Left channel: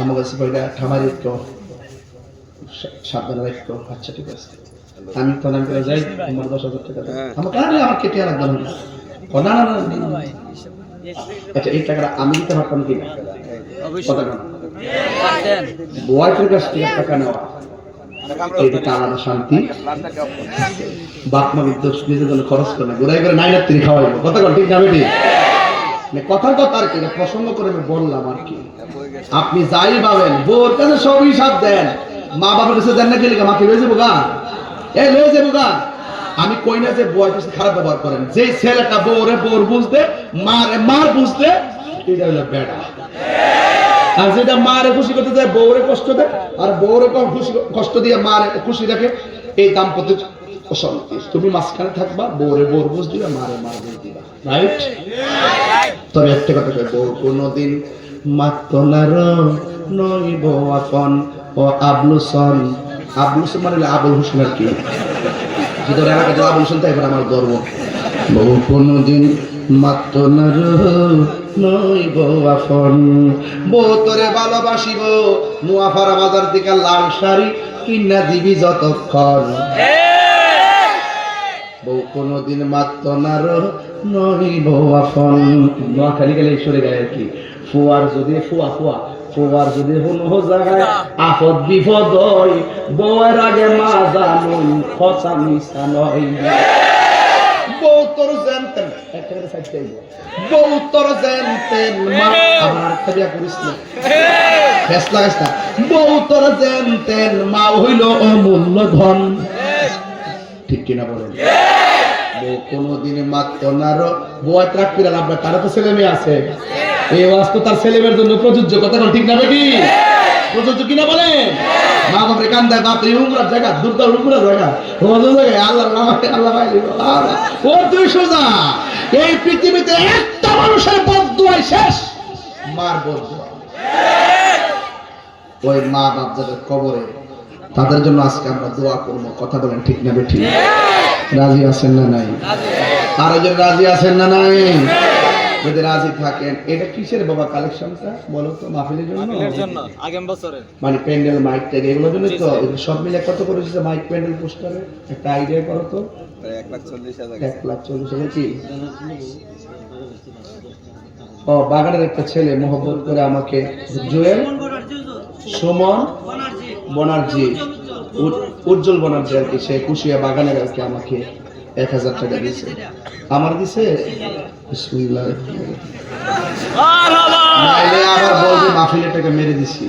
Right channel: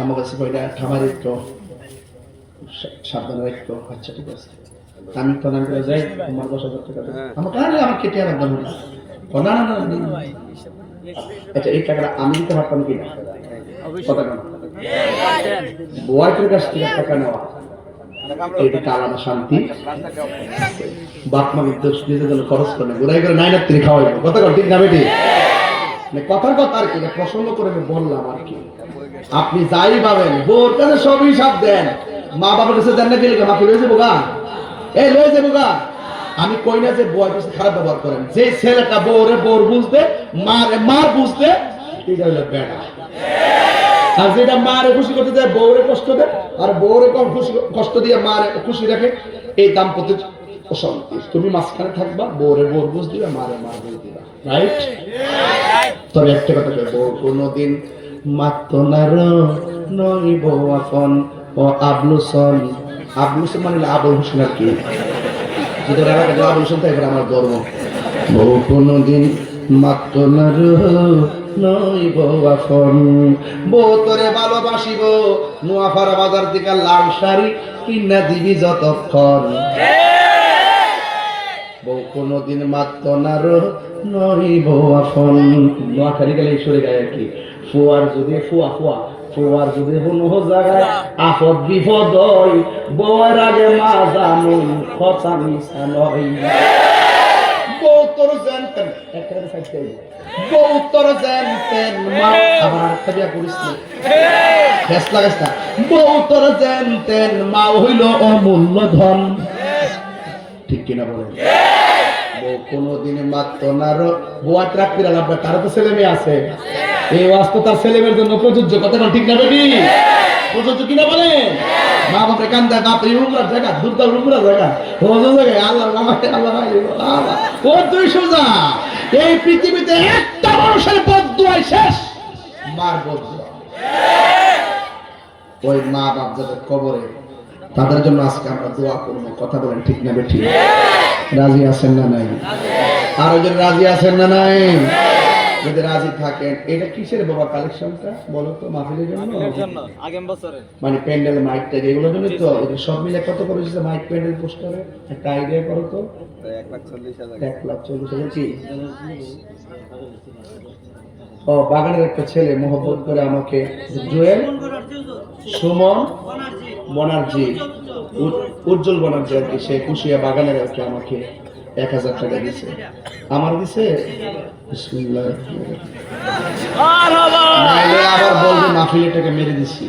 আমার কাছে কইটা খামার একটু সাবধানে রাখতো। আচ্ছা ঠিক আছে, আমি তো নাম করে যাই, তোমার 10,000 টাকা আমার কারণে আমার কেটে লাগবে না। না না না, আচ্ছা এই টাকাটা আমি দিতে পারতাম কি? কথা না, ওয়াইফের কাছ থেকে টাকা নেওয়া এইটা আলাদা শান্তি। বাপ মা বিদ্যুৎ নিজের জন্য খরচ করে না, ঘুরাই করে নাই না তিনি খাওয়াইবো। কথা ঠিক না বেটি? কথার কথা আর কি, প্রসঙ্গ করে বললাম আর কি। আপনি যাই পাবেন বোর কাছে সব হিসাব দেন, মা বাবার কাছে দেন না, গেলে আমাকে লয়ে যাবো গা, এই লয়ে যাবো গা। আমি কই না যে বউয়ের কাছে খারাপ ব্যবহার করেন, যে ছেলেটা বউরে বোর বুঝতে মার বুঝতে, এটা হলো বেড়া। আর যেটা মারে খুশি করতে যায় বউরে কষ্ট দেয়, আর বউরে কষ্ট দিয়ে মারে খুশি রাখে, এই দাম্পত্য অশান্তি। তুমি মাঝখানে থাকবা, বউরে বোর বুঝ দিবা, মারে বুঝ দিবা। রাইট? তবে একটা কথা কই, বউ কোনদিন মাতনার নইব আপন ও আবলুসন। আবলুসন মানে আবুল হোসেন আর কি, যদি আবুল হোসেন তাই আমার গর্ব। বউ কোনদিন মাতনার নইব আপন, বউ তোরে ভালোবাসিব, নোয়াপাড়া বাজার থেকে লাল শাড়ি কিনা দিবি যতক্ষণ। বউ কোনদিন মাতনার নইব আপন। নোয়াখালী গেলে ঈশ্বরে গায়ে আর কি। ফুয়ার যদি ফুয়ার যদি কোনো জায়গায় আপদ বিপদ হয়, বউয়ের আগে মা জানুন কথা মিশা নয়। বউ তোর জানতেন বউ তোর জানতেন মা, আবার আরেকটা বিয়া করিস না, ফেস লাগাস না। বউ তোর জানতেন মা হইল অমূল্য ধন। ঠিক কিনা বলেন? বউ কোনদিন মাত্র না বুয়া ট্রাক পিরা লাগবে, তারা তো ছেলে মেয়ে আছে, এই ওয়াজ তো তার ছেলে মেয়ের জন্য প্রযোজ্য। কথা ঠিক না বেটি? প্রযোজ্য কিনা বলেন? মা বাপরে কান্দায়, বাপ এই উমরার জায়গা, দুর্দার উমরার জায়গা, আল্লাহ আল্লাহ ও তুই সোজা। এই পৃথিবীতে একটা মানুষের বদদুয়াই শেষ, মার বদদুয়া। ওই মা বাপ যাদের কবরে, তাদের জন্য আজকে আমরা দোয়া করবো। কথা বলেন ঠিক না বেটি? রাজি আছেন না নাই? আর একজন রাজি আছেন না নাই? যদি রাজি থাকেন, এটা কিসের বাবা কালেকশনটা বলো তো? মাহফিলের জন্য, আগামী বছরে মানে প্যান্ডেল মাইক ট্যাগ এগুলোর জন্য তো। সব মিলে কত করেছে মাইক প্যান্ডেল পোস্টারে? একটা আইডিয়া করো তো। 1,40,000। 1,40,000 কি? ও বাগানের একটা ছেলে মোহব্বত করে আমাকে, জুয়েল সুমন বনার্জি, উজ্জ্বল বনার্জি আর কি, সে কুশিয়া বাগানের আর কি আমাকে 1,000 টাকা দিছে। আমার দিছে নাইলে আবার বলবে মাহফিলের টাকা মেরে দিছি।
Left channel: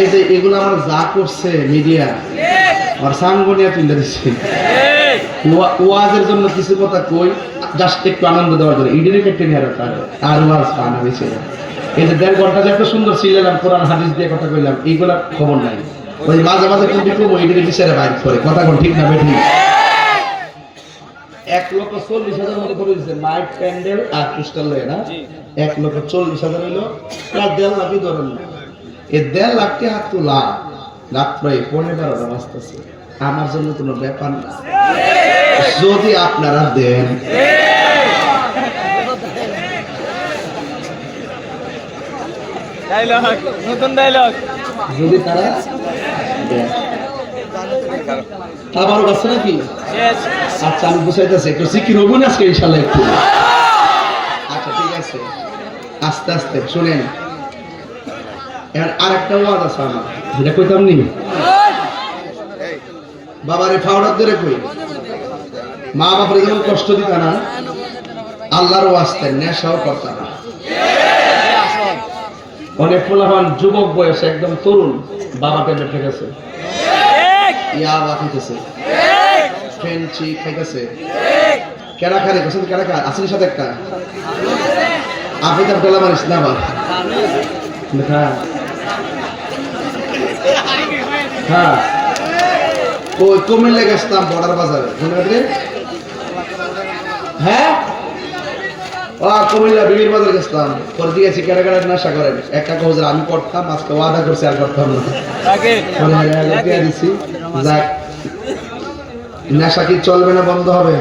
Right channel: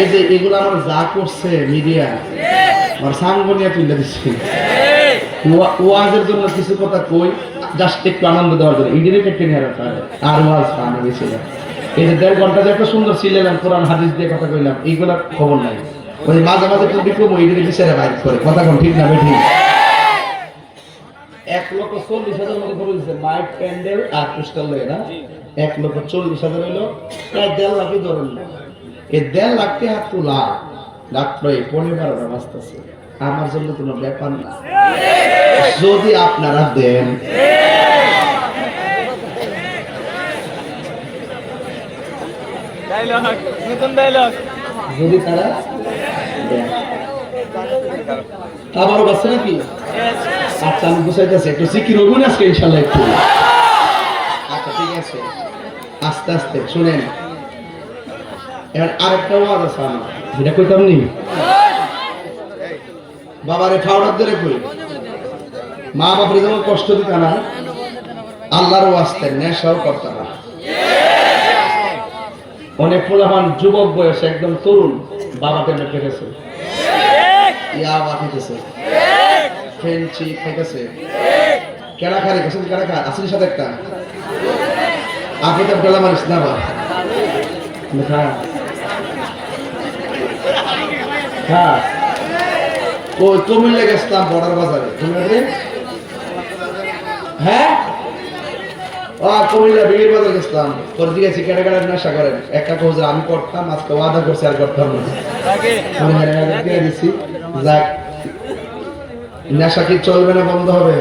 এই যে এগুলো আমার যা করছে মিডিয়া, আমার সাংগনিয়া তুলে দিচ্ছে। ওয়াজের জন্য কিছু কথা কই, জাস্ট একটু আনন্দ দেওয়ার জন্য, ইডেনে কেটে নিয়ে রাখা আর ওয়াজ ফান হয়েছিল। এই যে 1.5 ঘন্টা যে এত সুন্দর ছিলাম, কোরআন হাদিস দিয়ে কথা কইলাম, এইগুলোর খবর নাই। ওই মাঝে মাঝে কোন বিক্রম ইডেনে বিচারে বাইর করে। কথা কোন ঠিক না বেঠি? 1,40,000 মধ্যে করে দিচ্ছে মাইক প্যান্ডেল আর পোস্টার লয়ে না। 1,40,000 হইলো প্রায় 1.5 লাখই ধরেন না। এই 1.5 লাখ টাকা তোলা রাত্র 12:30 বাজতেছে, আমার জন্য কোনো ব্যাপার না। যদি আপনারা দেন, যদি তারা দেন, আমারও কাছে নাকি? আচ্ছা আমি বুঝাইতেছি, একটু সিকির হবো না আজকে ইনশাল্লাহ একটু। আচ্ছা ঠিক আছে, আস্তে আস্তে শুনেন। এবার আরেকটা ওয়াজ আছে আমার, যেটা কইতাম নি, বাবারে ফাওড়ার ধরে কই, মা বাপরে যেমন কষ্ট দিত না, আল্লাহর ওয়াস্তে নেশাও করতাম না। অনেক পোলাপান যুবক বয়সে একদম তরুণ, বাবাকে বেঁচে গেছে, ইয়াবা খাইতেছে, ফেন্সি খাইতেছে, কেনা খারে পছন্দ কেনা খা আসলে সাথে একটা আপনি তো বেলা মারিস না আবার। হ্যাঁ ওই কুমিল্লা গেছিলাম বর্ডার বাজারে, হ্যাঁ কুমিল্লা বিবির বাজার গেছিলাম, পরে দিয়েছি কেটে কেটে নেশা করেন। একটা কৌজের আমি করতাম, আজকে ওয়াদা করছি আর করতাম না, দিয়ে দিচ্ছি। যাক, নেশা কি চলবে না বন্ধ হবে?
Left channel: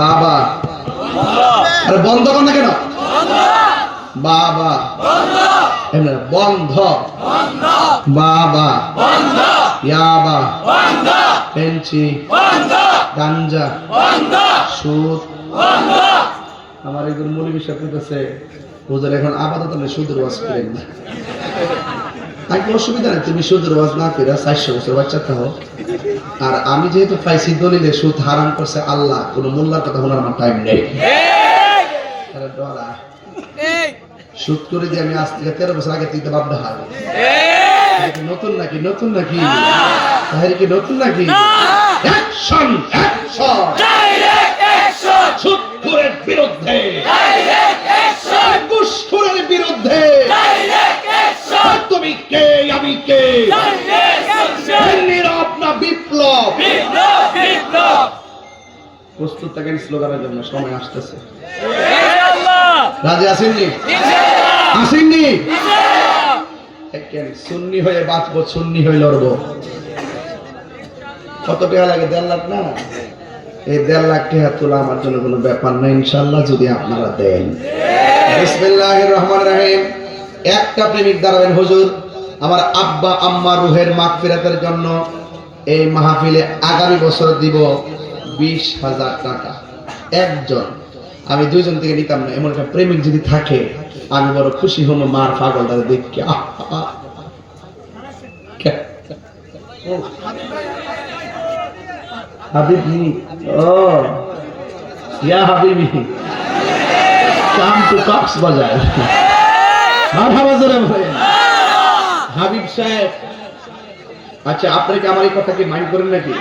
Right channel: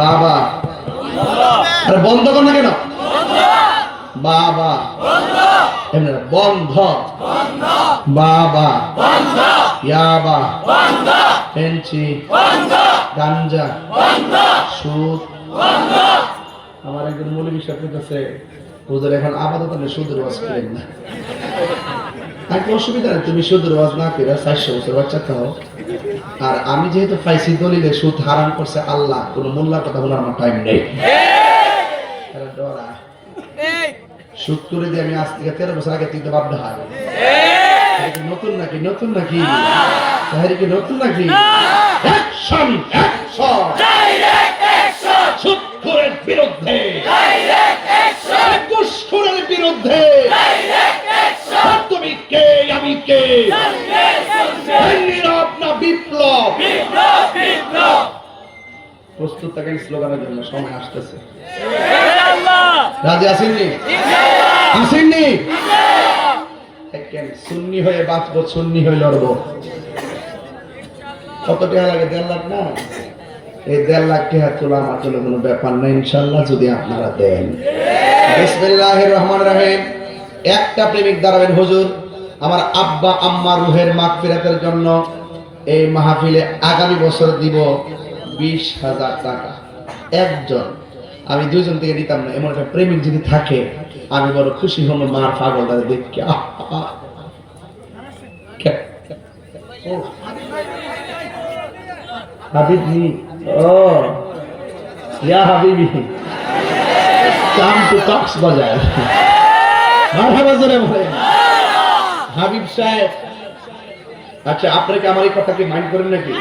বাবা আরে বন্ধ কর না কেন? বাবা বন্ধ, বাবা ইয়াবা, পেনচি, গাঞ্জা, সুদ। আমার একজন মৌলবী সাহেব করতেছে, হুজুর এখন আপাতত আমি সুদের ওয়াজ করেন না। তাকে অসুবিধা নেই, তুমি সুদের ওয়াজ না করে 400 বছর বাচ্চা থাও। আর আমি যেহেতু পাইছি দলিলে সুদ হারাম করছে আল্লাহ, কোনো মোল্লার কথা বলার আমার টাইম নেই। সুদ করে দিয়ে আমি আজ থেকে 13 বছর আগে থেকে বাধ্য হার। নতুন নাকি? নতুন নাকি? তাহলে কি নতুন নাকি? Action, action, direct action. সুদখোরের বিরুদ্ধে ডাইরেক্ট অ্যাকশন, ঘুষখোরের বিরুদ্ধে ডাইরেক্ট অ্যাকশন। তুমি কে, আমি কে? Direct action. নীরব না বিপ্লব? বিপ্লব, বিপ্লব। প্রস্তুত থাকেন স্লোগানের জন্য, সময় আসতেছে। রাজি আসেননি? আসেননি? সুন্নি হয়ে বাঁচবো, সুন্নি হয়ে লড়বো। কত টাকা লাগে? 1.5 লাখ না? এই 1.5 লাখ টাকা তোলা আমার জন্য কোনো ব্যাপার নেই ইনশাল্লাহ, যদি আপনারা দেন। বিসমিল্লাহির রহমানির রহিম। একটা প্রেমিক দাঁড়াবেন, হুজুর আমার আব্বা আম্মা রুহের মাগফিরাতের জন্য এই মাহফিলে আগামী বছর দিব 20,000 টাকা একজন। আমি 2 জন থেকে দিতাম না, এমন একটা প্রেমিক যদি থাকে আমি বড় খুশি হব। মার পাগলটা দেখে হাবিবি, ও ইয়া হাবিবি, কাম টু কক্সবাজার। মারহাবা জোরে বলেন। হাবিব সাহেব, আচ্ছা আপনি কি আমার এই কথাকে মাইন্ড করেন নাকি?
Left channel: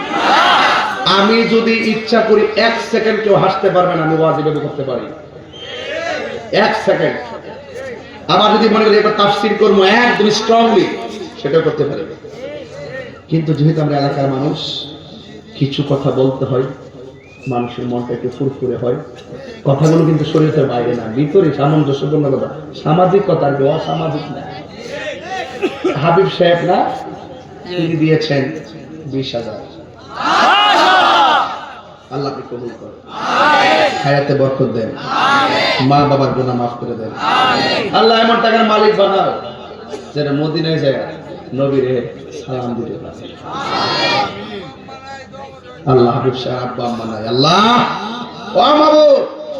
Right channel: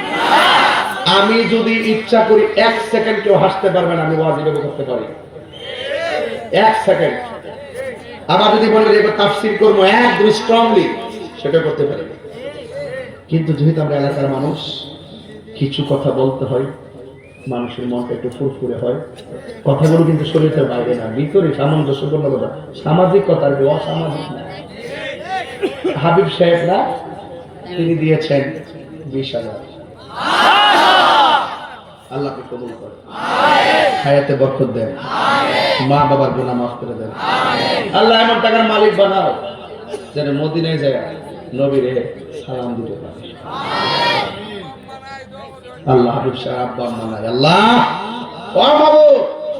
আমি যদি ইচ্ছা করি 1 সেকেন্ড কেউ হাসতে পারবেন, আমি ওয়াজ করতে পারি 1 সেকেন্ড। আবার যদি মনে করি এবার তাফসীর করবো একদম স্ট্রংলি, সেটা করতে পারি। কিন্তু যেহেতু আমরা এলাকার মানুষ, কিছু কথা বলতে হয়, মানুষের মনটা একটু ফুরফুরে হয়। কথাগুলো কিন্তু শরীরের বাইরে না, ভিতরে সামঞ্জস্যপূর্ণ কথা, সামাজিক কথা, আর অসামাজিক না। হাবিব সাহেব না, তিনি দিয়েছেন 20,000। আল্লাহকে কবুল করেন, হায়াতে বরকত দেন, মা বাবার গুনাহ মাফ করে দেন। আল্লাহ এমন টাকার মালিক বানাও যেন মদিনায় যায় নবীরে সালাম দিতে পারে। আল্লাহ হাবিব সাহেব আব্বা আম্মা নাই, আল্লাহ ও বাবু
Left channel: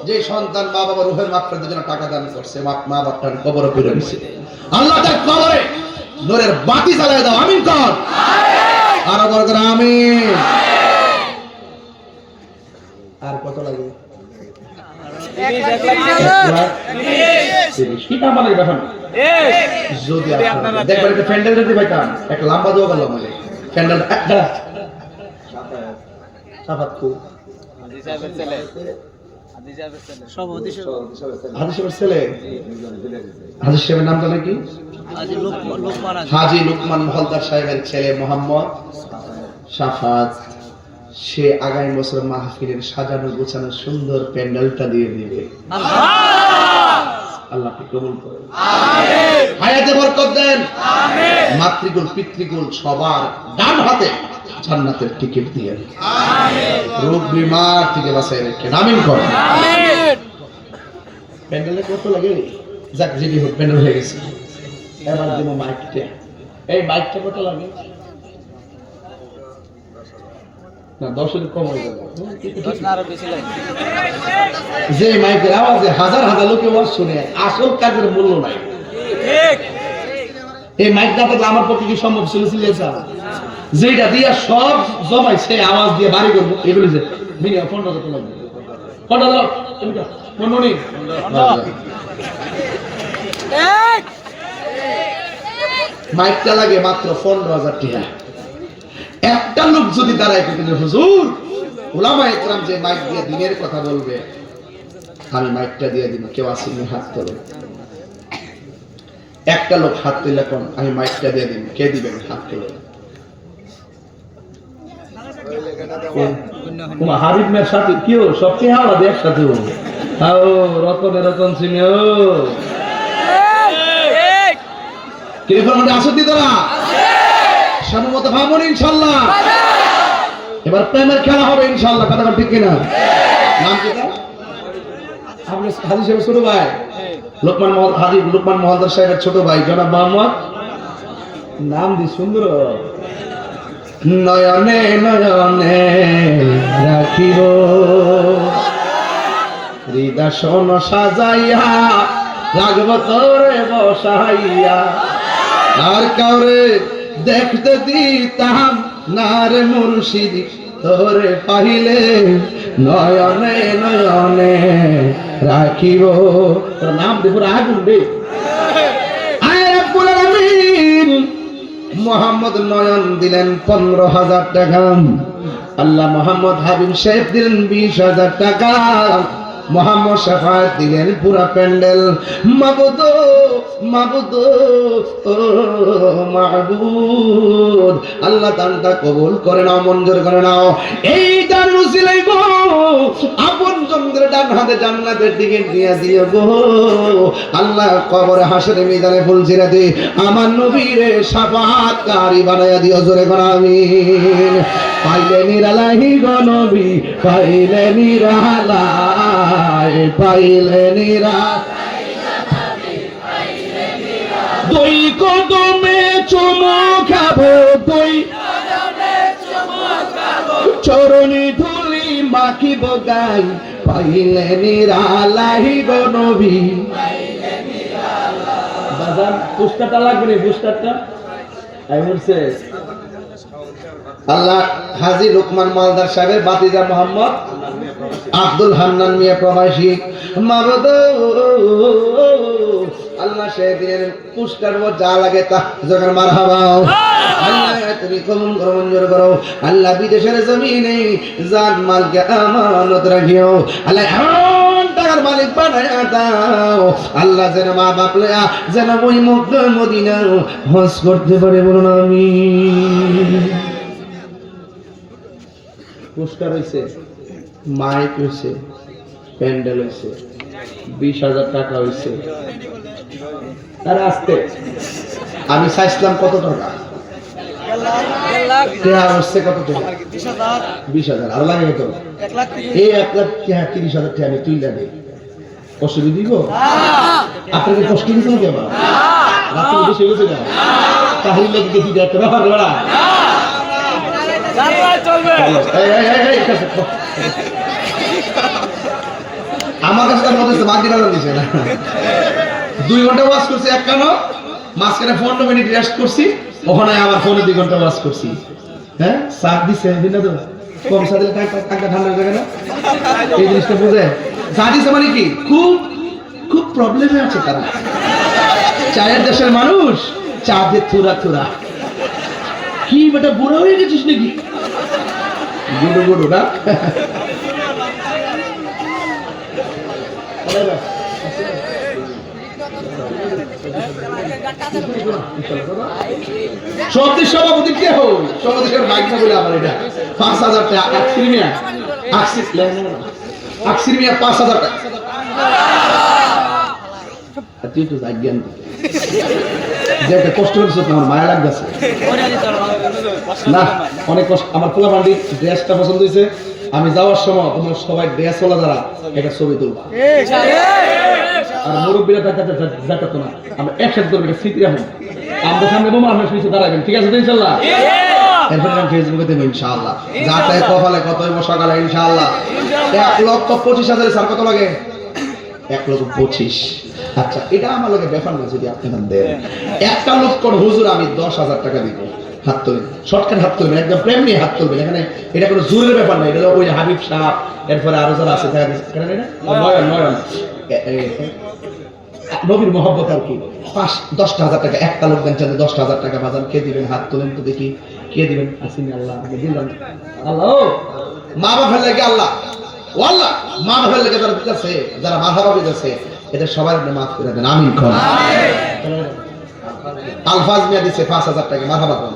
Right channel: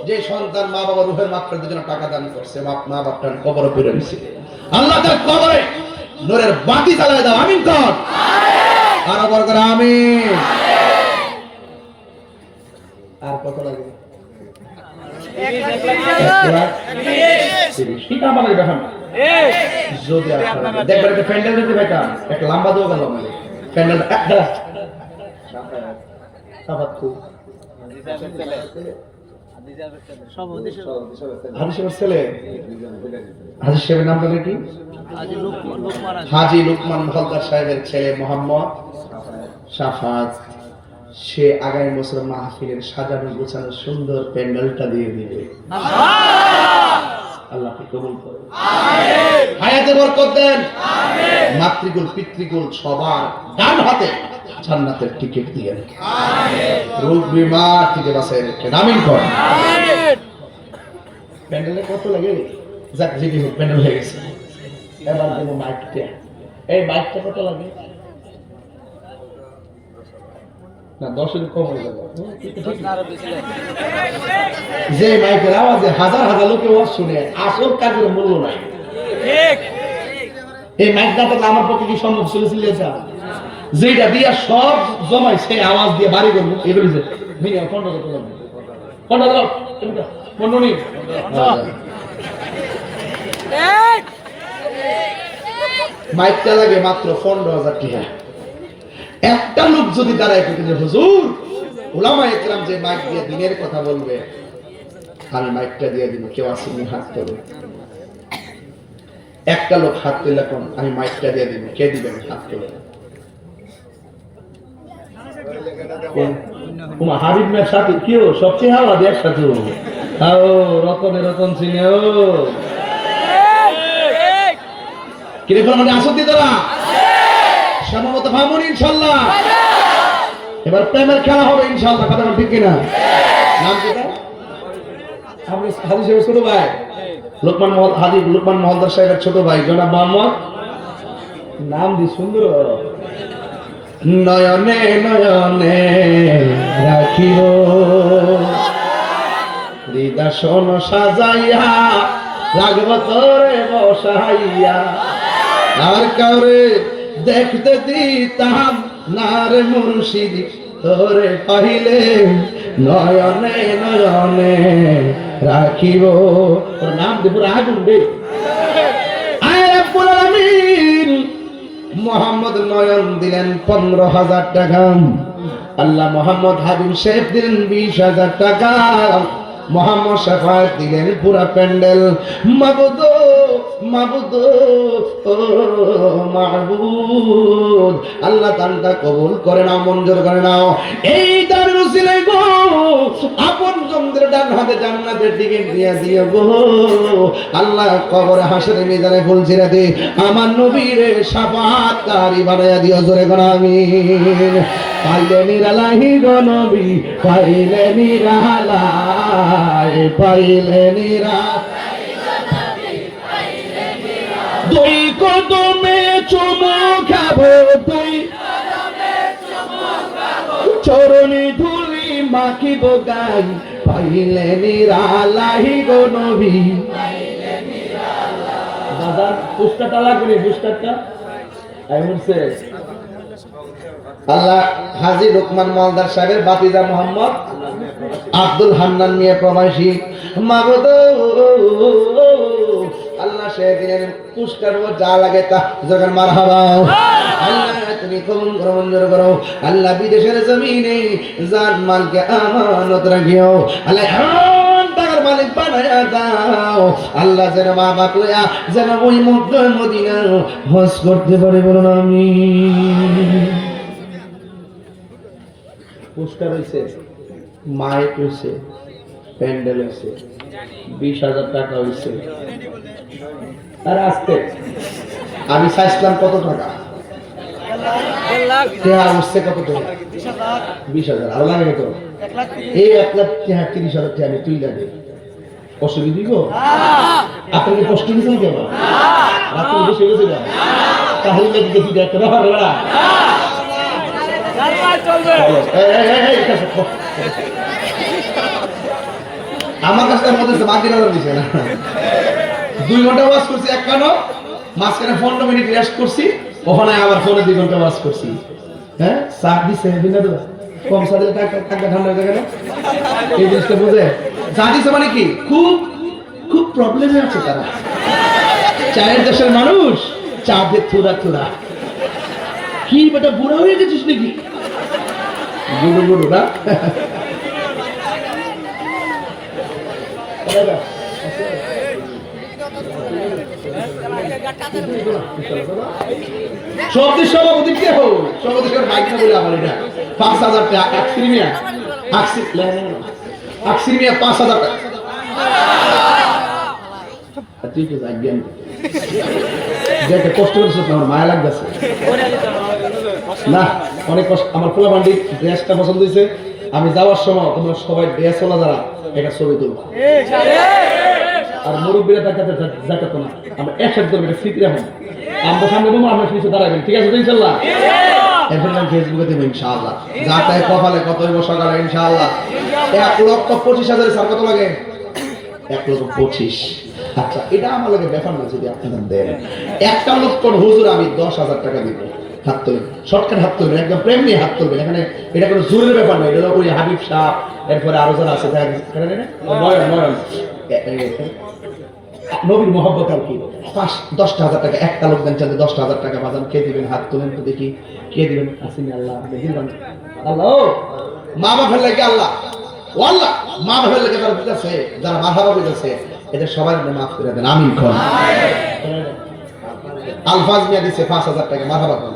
যে সন্তান মা বাবার রূহের মাগফিরাতের জন্য টাকা দান করছে, মা বাবার কবরে পুরে দিছে, আল্লাহ তার কবরে নূরের বাতি জ্বালায় দাও। আমিন কর, আমিন। আর বড় করে আমিন। আর কত লাগে? 1 লাখ। কি কাম লাগে দেখেন? যদি আপনারা দেখবেন একটা প্যান্ডেল দিতে ভাই, কাম একটা লম্বা দোয়া করলাম মানে প্যান্ডেল একটা সাফাত কো হাদিসের ছেলে, হাদিসের নামটা নাকি? হাজী লুকমান হলদার সাহেবের ছেলে মোহাম্মদ সাফাত। সে আগামী বছর মাহফিলের সাজানো গোছানো সুন্দর প্যান্ডেলটা দিয়ে দিবে। আল্লাহ কবুল করুন, হায়াতে বরকত দেন। মাতৃকুল পিতৃকুল সবার ডান হাতে জান্নাতের টিকিট দিয়ে রোগ বিমার থেকে বাঁচাই রেখেন। আমিন করেন। প্যান্ডেলে কত লাগে? যাক যদি হোক, প্যান্ডেল হয়ে গেছে। এবার দেব মাইকটা। এই মাইকটা কত লাগে? না 10-এর কম হয়ে যাবে। যে মাইকের আওয়াজে হাজার হাজার লোকে ওয়াজ শুনে, আসল কাজের মূল্য নাই। ঠিক। এই মাইক না থাকলে আমার পক্ষে কি সম্ভব ছিল? যেটা দিয়া সব জমাই সে আওয়াজ দিয়ে বাড়ি করবো, এগুলি যে মিনিমাম 15,000 লাগবে। 15,000 মাইকটা লাগে মাত্র 15,000 টাকা। একটা লোক যদি দাঁড়ায় যে হুজুর উলামায়ে কেরাম যে মাইক দিয়ে দিনের কথা বলবে, আমি মাইকটা দিয়ে দিব, কেউ আসেনি হাত তোলে। একটা লোক হাত তুলে কোন আমি মাইকটা দিয়ে দিব, কে দিবেন? হাত তোলে। হাবিব মেয়ের সাথে কি হলো? সবচেয়ে হাওয়া দিয়ে একসাথে হলো। রতন সিং কিরকম আসত দিতরা সম্ভবত ভাবুন ইনশাল্লাহ। এবার প্রেমের খেলা হবে ইনশাল্লাহ, কথা ঠিক কিনা? নাম কি তার? আপনি হাজি সাহেব ছোট ভাই লোকমান মহলদার সাহেবের ছোট ভাই জনাব মোহাম্মদ, নাম দি সুন্দর, নয়নে নয়নে রাখিব হৃদয় সাজাইয়া, রাখব তোরে বসাইয়া, আর কাউরে দেখতে দিতাম না রে মুর্শিদ, তোরে পাইলে নয়নে নয়নে রাখিব। তোর নাম দেব আগুন রে। আয় রব্বুল আলামিন মোহাম্মদ নয়ন দিলেন 15,000 টাকা, আল্লাহ মোহাম্মদ হাবিব সাহেব দিলেন 20,000 টাকা, মোহাম্মদ শাফাত দিলেন পুরা প্যান্ডেল। মাবুদ মাবুদ ও মাবুদ, আল্লাহ দানটা কবুল করে নাও, মঞ্জুর করে নাও। এই দান উসিলাই গো আপন জনদের ডান হাতে জান্নাতের টিকিট দিয়ে দিও গো আল্লাহ। কবরে হাসরে মিজানে ফুল ছিঁড়ে দে, আমার নবীরে শাফাতকারী বানাইয়া দিও, জোরে কোন আমিন। পাইলে নিরালাই গো নবী, পাইলে নিরালাই, পাইলে নিরালাই, দুই কদমে চুমো খাবো, দুই চরণে ধুলি মাখিব গাই, পাইলে নিরালাই গো নবী। দাদা পুস্তারটা লাগবে না, পুস্তারটা বলছে আল্লাহ হাজী লোকমান মহলদার সাহেবের বাতিজা মোহাম্মদ আব্দুল হান্নান মিয়া প্রবাসী। মাবুদ আল্লাহ সেদিনের পুরস্কার যা লাগে তা জোগান মারহাবা। আল্লাহ তুমি কবুল করো, মঞ্জুর করো। আল্লাহ বিদেশের জমিনে জান মালকে আমানত রাখিও। আল্লাহ টাকার মালিক বানায়া দাও। আল্লাহ যেন মা বাপ লয়া যেন ওই মক্কা মদিনা হজ করতে পারে, বলুন আমিন। পুরস্কার হয়েছে, মাইক হয়েছে, প্যান্ডেল হয়েছে, 20,000 টাকা হয়েছে। আর আসতে আমি চাইছিলাম কত টাকা, হচ্ছে কত টাকা, 20,000। আরো লাগে কত? এই 1,30,000 টাকা আমি তুই লাগে কষ্ট দিব। আপনাকে কষ্ট দিয়েছেন কি আবার রাত্রে বেশি হয়েছে না, তাহলে দেখি একটা ব্যাপার। আমার কাছে তার মধ্যে বাকি দিচ্ছে না। 2 ঘন্টা ওয়াশ করছি এক কানো, মাঝখানে 15 মিনিট রেস্ট করছি, ওখানে আবার 2 ঘন্টা ওয়াশ করছি। হ্যাঁ সাত দিচ্ছে না তো, কম সাথে টাকা ঠান্ডা হয়ে যাবে না, এই জিনিসটা বুঝে। চা দিচ্ছে মানে কি খুব খুব প্রবলেমে আছে তারা। চায়ের দেশের মানুষ চা দিয়ে থুরা থুরা। কি বেটা বুড়া হয়ে গেছিস নাকি? গুরু গুরু না সত্যি সভাপতি কে হল? সভাপতির বাইক না বলে আমার এটা 5,000 টাকা। আকসিমিয়া 5,000 টাকা। তুই তো জাগেন যে কষ্ট করছো, তোমার মায়া লাগতেছে না? অনেক কষ্ট। আমার পোলা বান্ডি ড্রেসটা পছন্দ হয়েছে, আমি যাওয়ার সময় তোমরা সবাই ড্রেস ওলা যারা একটা ছবি তুলবা। আর মুরব্বীরা দেখাতো না, আমরা একসাথে করবো, এটা স্মৃতি রাখুন। আমরা সামনে বোমা, আমরা কিছু দাঁড়াবেন, ঠিক আছে ইনশাল্লাহ? এরপর আমি ফেসবুকে দেবো ইনশাআল্লাহ। যা তাই কপালে কত হইব সকালে ইনশাআল্লাহ। 1,25,000 স্যার কত লাগে? 1,25,000। আচ্ছা এটা আমার লাগে ব্যাপার না, যদি আপনারা দেন। একটা লোক কোন হুজুর আমি 10,000 টাকা দিব, হাত তুলবেন, শর্টকাট হাত তুলবেন, একদম প্রেম নিয়ে হাত তুলবেন। এখানে এটা কোনো জোরের ব্যাপার না, এটা ওই হাবিব শাহ, এরপরে আরো যারা আছে নয়ন নয়ন নবীর মহব্বত আর কি। 10,000 টাকা একটা লোক দেন, চাইলে 10,000 টাকা বাজান। কে দিবেন? হাত তোলেন তো দেখি, কে দিবেন? আসেন আল্লাহ দিলাম। আল্লাহ মা বাপের লাগে, আল্লাহ ও আল্লাহ মা বাপের লাগে যারা দিতেছে, যারা মাথাবা দিতেছে, এটা সবাই মাফ করে দেন, আমিন কোন। আলফাজ মিয়া দিছে 5,000 টাকা, মাথাবা কোন।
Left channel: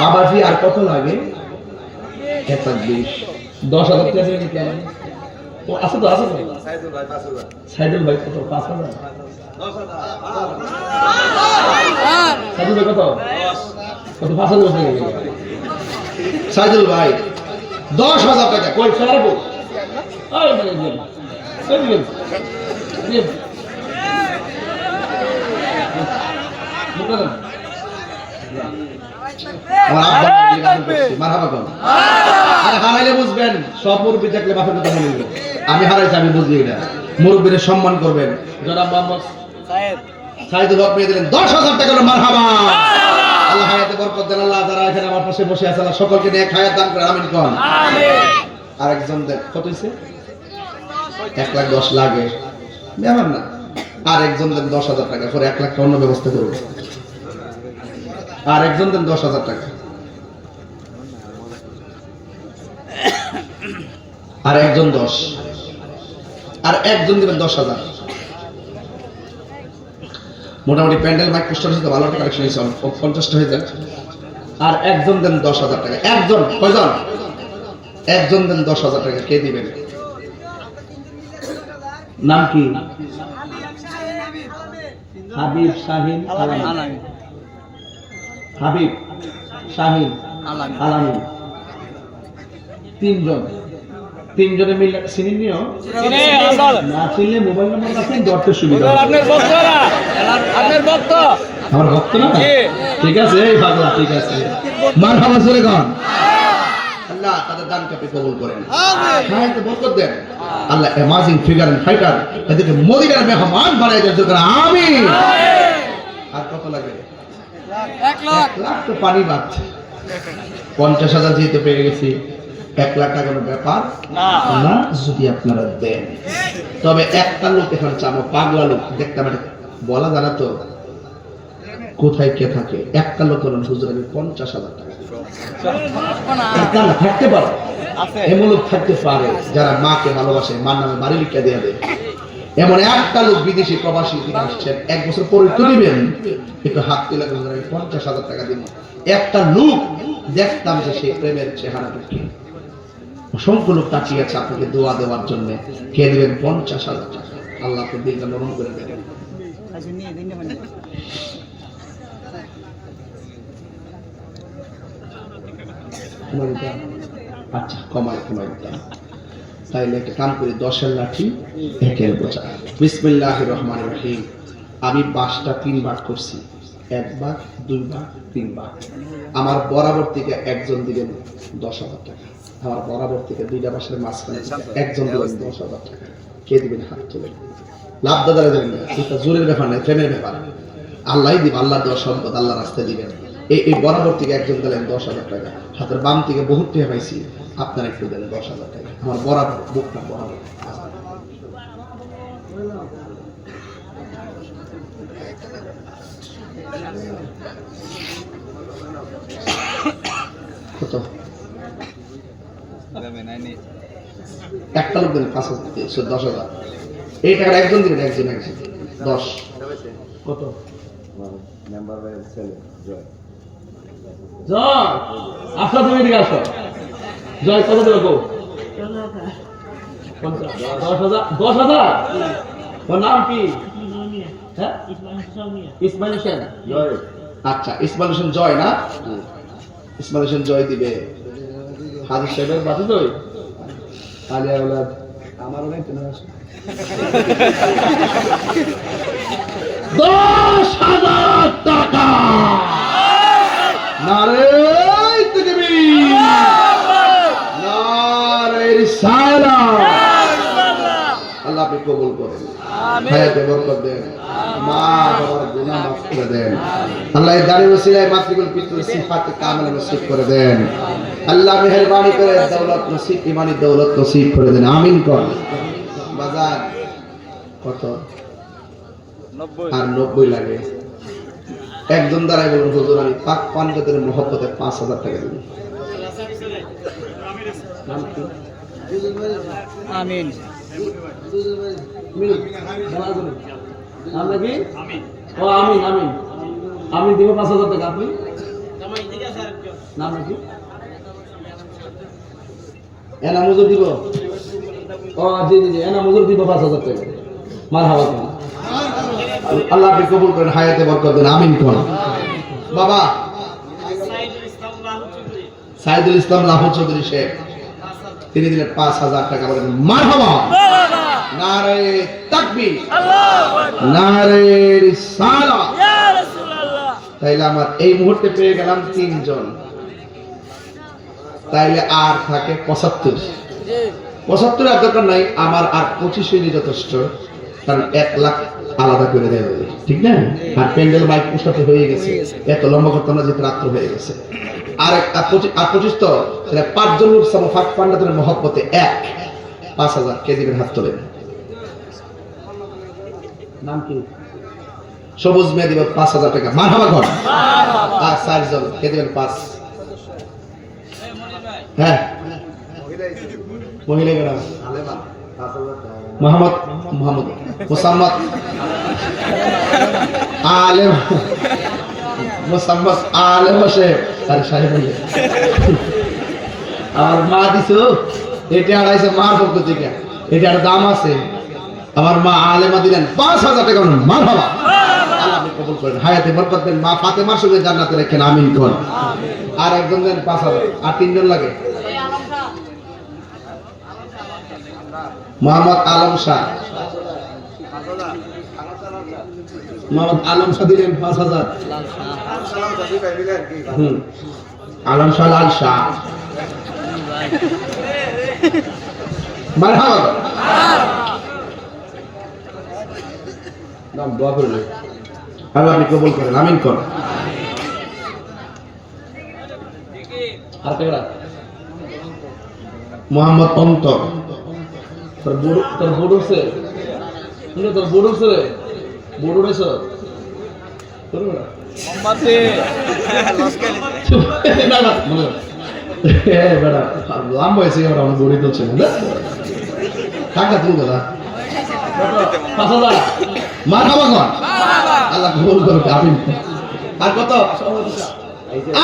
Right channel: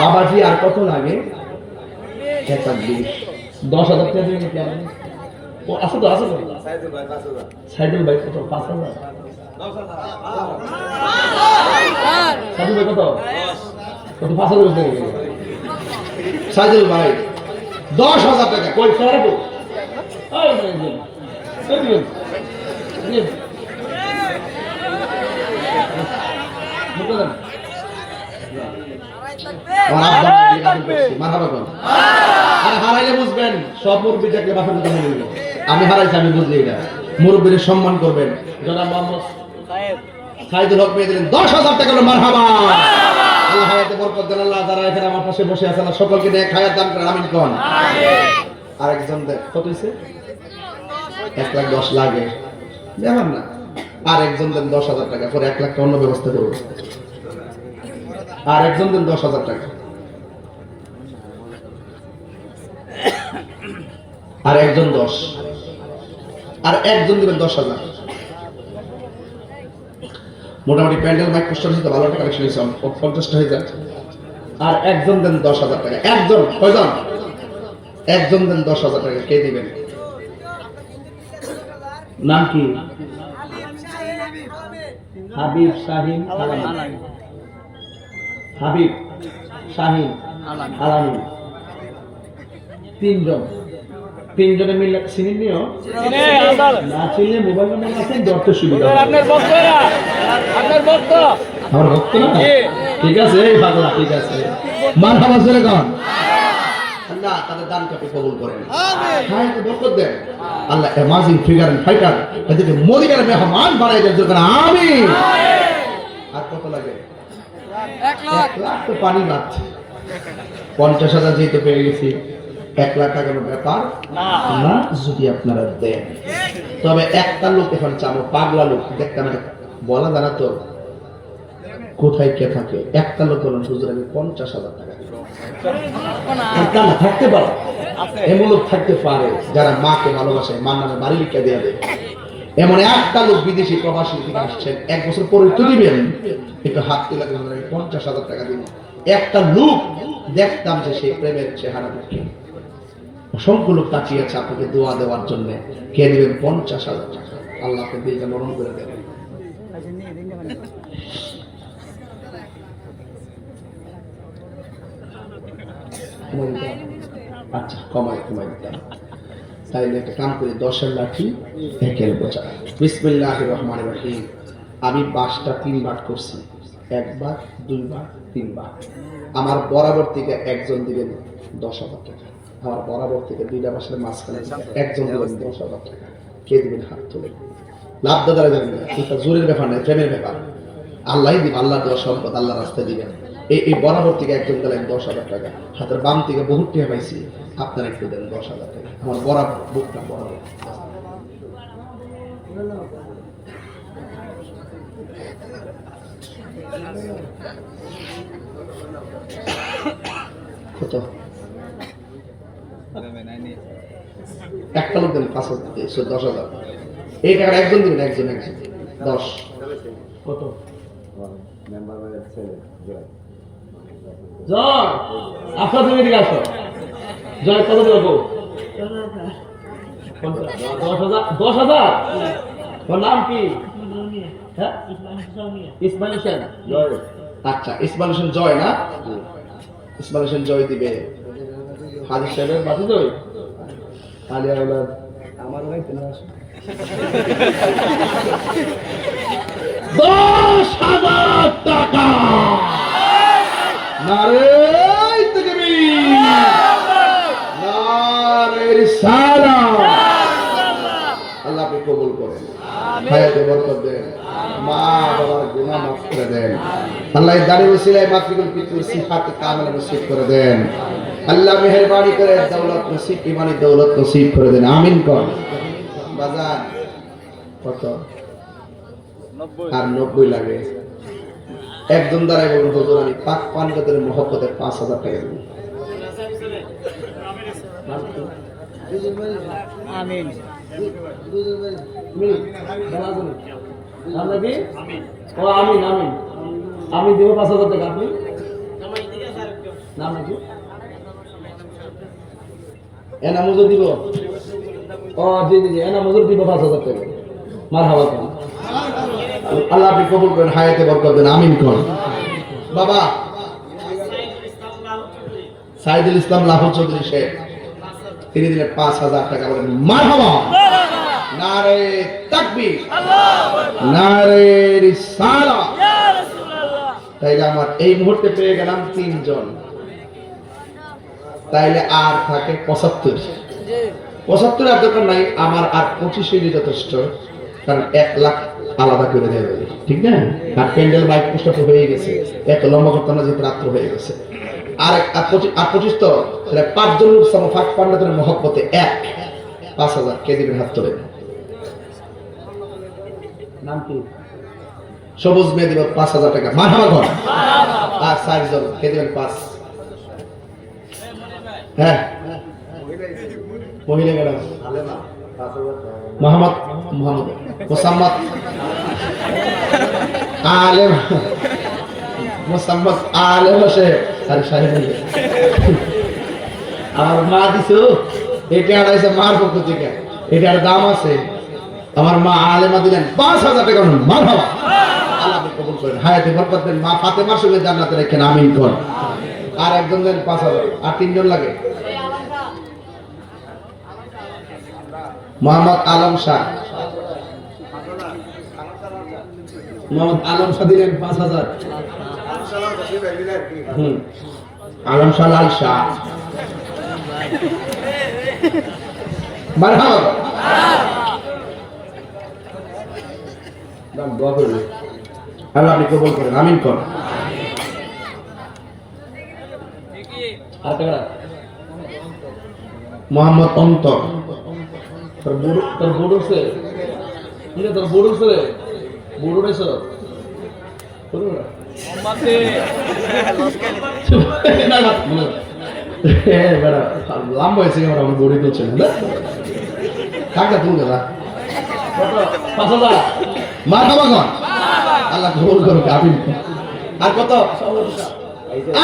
বাবাজি আর কত লাগে? 10,000 টাকা দিবেন কি? ও আছে তো, আছে তো সাইদুল ভাই 5,000। সাইদুল ভাই কত? 5,000। 10,000। সাইদুল ভাই কত? 5,000 টাকা। সাইদুল ভাই 10,000 টাকা কই ছাড়বো? আমার আব্বা মারহাবা কোন আরে হারাইলে বুঝবেন সব মুরব্বি দেখলে বাপের কথা মনে নেবে আমি হারাইছি আমি বুঝি এটা মুরব্বির সম্মান করবেন জনাব মোহাম্মদ সাইদুল হক মেয়ে দিলেন 10,000 টাকা মারহাবা আল্লাহ হায়াতে বরকত দেন আল্লাহ যারা এখানে আমার পাশে বসে আছেন সকলকে নেক হায়াত দান করে আমিন কোন আমিন আরেকজন দেখ কত হইছে 1,10,000 লাগে দেবেন না আর একজন দেন 10,000 টাকা পরে 1 লাখ টাকা অন্য ব্যবস্থা করব আর একজন দেন 10,000 টাকা আর একজন 10 আর একজন দিবেন 10,000 মোটামুটি প্যান্ডেল মাইক পোস্টার হিসেবে ভালো একটা কালেকশন হয়েছে 50টা হয়ে যায় আর একজন দেন 10,000 টাকা একজন কয়জন একজন দেন 10,000 টাকা কে দিবেন নাম কি হাবিব শাহিন আলামি হাবিব শাহিন আলামি তিনজনে মিলে চিনি নিও না চিনলে মোবাইল নাম্বার আছে ধরতে সুবিধা আপনার ভক্ত আমার ভক্ত না ঠিক আছে এই পাগলা ঠিক আছে মারহাবা জোরে কোন আল্লাহ তাদের দান কাপে কবুল করেন আমিন হায়াতে বরকত দেন আল্লাহ অ্যামাজিং ফিগার এন্ড ফাইটার এদেরকে মদিনার মেহমান বানাই দেন জোরে আমিন আর কত লাগে 1 লাখ তো পানি বাদ 50,000 যেতে পেরে গেছি 1 লাখ টাকার ব্যাপার না যদি আপনারা দেন তবে একটা লোক এখন চামো পাগলা লোক দেখতাম বলা জানা তো কোথায় কে থাকে একটা লোক বলেন হুজুর আমি 50,000 টাকা একটা না থাকতে পারে এমন লোক থাকতে পারে যারা মাকে ভালোবাসে মার নামে বাড়ি লিখে দেয়া দেয় এমন একটা লোক বিদেশি প্রবাসী থেকে আসছেন 1 বছর পরে তো দিবেন একটু হাত তুলে হুজুর আমি 50,000 টাকা দিব একটা লোক দেখতাম যে সেই প্রেমের চেহারাটা কি অসংখ্য লোক তাকিয়ে আছে আপনাকে দোয়া দেওয়ার জন্য কে দিবেন 50,000 টাকা আল্লাহ আপনার দিলটা নরম করে দেবেন আচ্ছা কমাই তাইলে একটা কাম করি 10-এর লাঠি 1-এর বোঝা বিসমিল্লাহির রহমানির রহিম আমি 5টা 3 ভাগ করছি 1 ভাগ 2 ভাগ 3 ভাগ আমার বরাবর থেকে একজন দিবেন 10,000 টাকা আমার বরাবর থেকে 2টা পাশের মাঝখানে একজন দিবেন 10,000 টাকা কে দিবেন হাত তুলে লাভ দাদারা দেবেন এটা জোরের ব্যাপার নয় প্রেমের ব্যাপার আল্লাহই দিবেন আল্লাহ দেওয়া সম্পদ আল্লাহ রাস্তায় দিবেন এই বরাবর থেকে একজন দিলেন 10,000 টাকা হাতের বাম থেকে বহুত টাকা পাইছি আপনারা একটু দেন 10,000 টাকা আমার বরাবর বুকটা বরাবর কত একটা লোক দেন 10,000 এই টাকার একজন দিবেন একজন 10 কত মেম্বার ছেলে জয় আসো তুমি এদিকে আসো জয় কত দেবো 10,000 ওর নাম কি হ্যাঁ ইসমাইল হোসেন জয় আচ্ছা ইসমাইল হোসেন জয় না ইসমাইল হোসেন জয় দিবে হাজির সাহেবের বাতি জয় আলিয়া আওলাদ আমারও নাই কেন আসে 10,000 টাকা নারে তাকবীর নারে রিসালাত আল্লাহ আপনি কবুল করেন হায়াতে বরকত দেন মা বাবার গুনাহ মাফ করে দেন আল্লাহ এই দানের ওসিলায় মাতৃকুল পিতৃ সিফাত কামেল নসিব করে দেন আল্লাহ মেহেরবানি করে দৌলত নসিব ঈমানি দৌলত নসিব করে দেন আমিন কোন বাজার কত 90 আর 90 লাগে একজন দাঁড়াই বলুন হুজুর আমি পাক পাঞ্জাতের মহব্বতে 5,000 টাকা দিব আমিন আমরা কি ও আমিন আমিন আমি দিব 5,000 টাকা আপনি নাম নাকি এনা মজুর দিব ও জি জি এনা মজুর দিব 5,000 টাকা মারহাবা কোন আল্লাহ আপনি কবুল করেন হায়াতে বরকত দেন আমিন কোন বাবা সাইদুল ইসলাম লাহোর চৌধুরী শেখ তিনি দিলেন 5,000 টাকা বলেন মারহাবা নারে তাকবীর নারে রিসালাত ইয়া রাসূলুল্লাহ তাইলে আমার এই মুহূর্তে পেয়ে গেলাম 3 জন, তাইলে আর থাকে 75। 75 আর দরকার নাই, আমার আর 25 হইলে যথেষ্ট, কারণ 1 লাখ আলাদা করে দেওয়া হবে, ঠিক না? আর প্যান্ডেল মাইক পোস্টার তো হয়ে গেছে, এত লম্বা করতে না, যে রাত্র হয়ে গেছে। আর 25 তো 5 জন উৎসব ফাঁক পান্ডাতের মহব্বতে 5000 কে দিবেন? হাত তোলেন। নাম কি? সবুজ মেয়ে দিবেন 5000 টাকা, মারহাবা কর। আর 4 জন কে দিবেন? 5। হ্যাঁ, মহিলা গেলাম মোহাম্মদ মোসাম্মদ আলেম, মোসাম্মদ আলেম বসে। আরে সাহেব আমার মা দিছো, এটা আড়াইছে মার পক্ষ থেকে, এটার দাম আছে। আমার মা আলেমা দিলেন 5000 টাকা, মারহাবা, আল্লাহ কবুল করেন, হায়াতে বরকত দেন। মা ফাতেমার সঙ্গে জান্নাতে রাখেন, আমিন কোন। আর একজন দেন 5000, আর 3 জন লাগে। মোহাম্মদ আলম শাহ, মোহাম্মদ আলম শাহ দিলেন 5000। আলম শাহ লাল শাহ, মারহাবা। নাম দোয়া করবে, আল্লাহ আপনি কবুল করেন, আমিন কোন। আর কেমন? মোহাম্মদ অন্তর, তোর বুড়ো সে কিরে, তোর বুড়ো সে বুড়ো রে সর লম্বা হয়েছে আমার, আমি বড়ি তো ছিল না থাকা তুল গেলা 5000 মারহাবা কর, আল্লাহ কবুল করবে, আমিন। আর কত?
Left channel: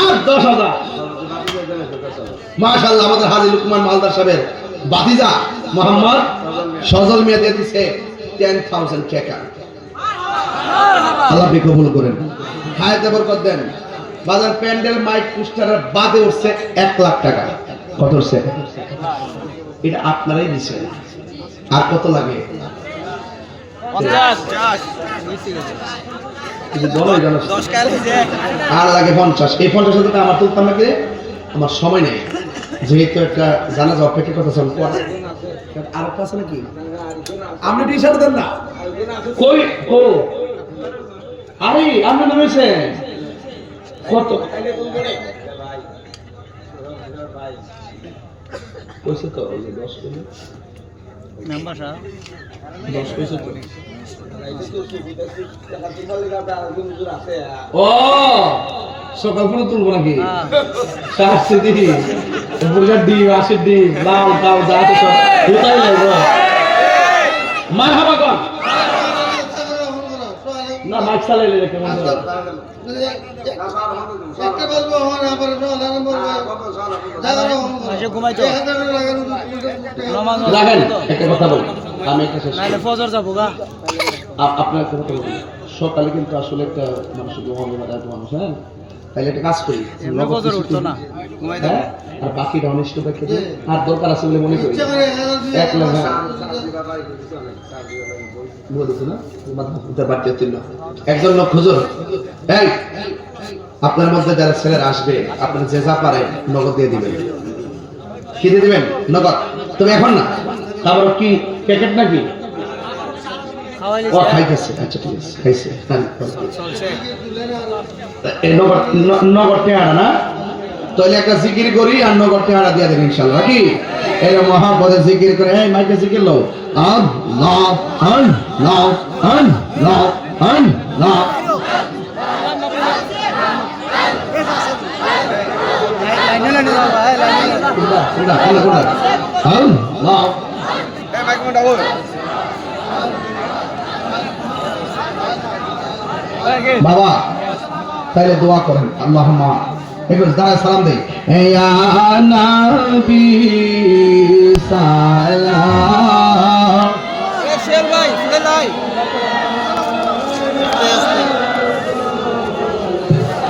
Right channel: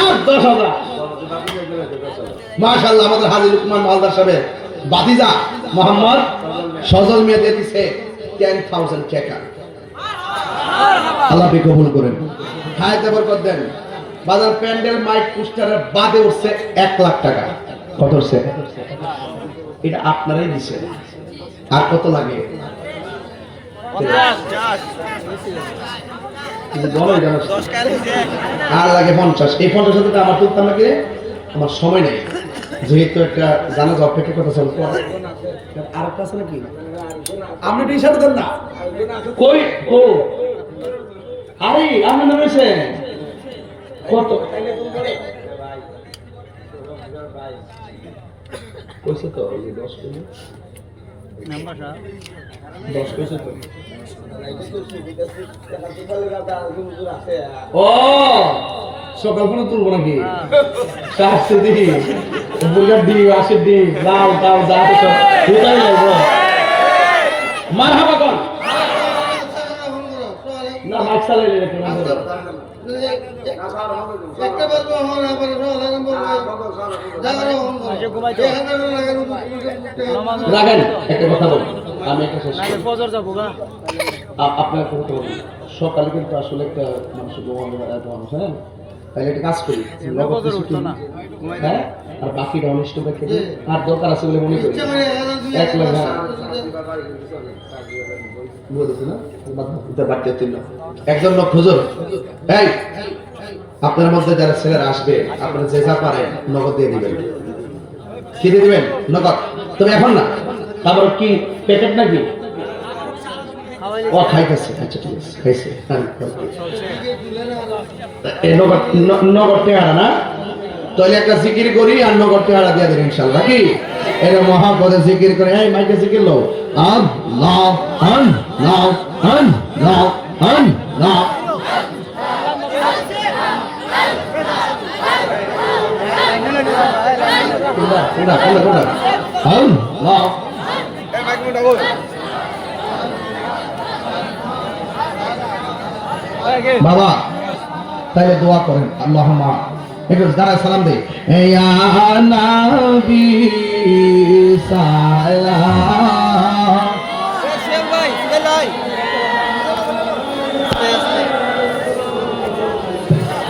আর 10000। মাশাআল্লাহ, আমাদের হাজী লুকমান মালদার সাহেবের বাতিজা মোহাম্মদ সজল মিয়া দিয়ে দিছে 10000 টাকা, আল্লাহ কবুল করেন, হায়াতে বরকত দেন। বাজার প্যান্ডেল মাইক পোস্টারের বাদে উঠছে 1 লাখ টাকা। কত উঠছে? এটা আপনারাই দিছেন। আর কত লাগে? আর লাগে 50। এই 50 টাকা আমার তুলতাম নাকি, আমার সময় নেই, যেহেতু একটা জানাজা অপেক্ষা করতেছেন। আর একটা আছে নাকি? আপনি টি শার্ট দেন না কই? ও আরে আপনি নামেছেন কত? কইছে তো 10 কেজি নাম্বারটা 10 কইছে তো। ও সকাল করে তুলবো নাকি? শাস্তি দিই বুলার দি আসে দি লাউ দাও দাও তো এটাই লাগবে। মারহাবা কর না, মাইক চালাইলে রে কেমন করে? একটা বলবো হন আবার আলারাম বলবো জাগানো হন করে ঘুমাইতে এখানে লাগানো রাখেন। একটা কথা বল, আমি একটা শেষ নাইলে ফজর যাবো গা। আপনার কথা বল, সকালে কিন্তু আসলে একটা মানুষ ঘুমাবে না, এত মানুষ। হ্যাঁ, তাইলে একটা কাজ করি, ফজর উঠতো না, হ্যাঁ, আর বাকিটা অনিষ্ট দেখে আর দরকার আছে বলে মনে করি। এক লাখ একজন লোক হুজুর, এই আপনার মধ্যে যারা ছেলেরা আসবে, আপনারা যে যা পারেন নগদ দিয়ে দিবেন। কি দিয়ে দিবেন? নগদ। তবে এখন না, তারপর কি প্যাকেট নাকি? ও খাইতেছে, আচ্ছা ঠিক আছে, খাইছে। নগদ টেহারা না, তাহলে একটা জিকির করি আর নগদ টেহারা দিয়ে দেবেন ইনশাআল্লাহ। কি এরা মহাপদে জিকির করে, এই মাইকে জিকির লো, আল্লাহ আল্লাহ আল্লাহ আল্লাহ। বাবা তাহলে দোয়া করেন, আল্লাহুম্মা একটু দাঁড়ায় সালাম দেই, ইয়া নবী সালাম।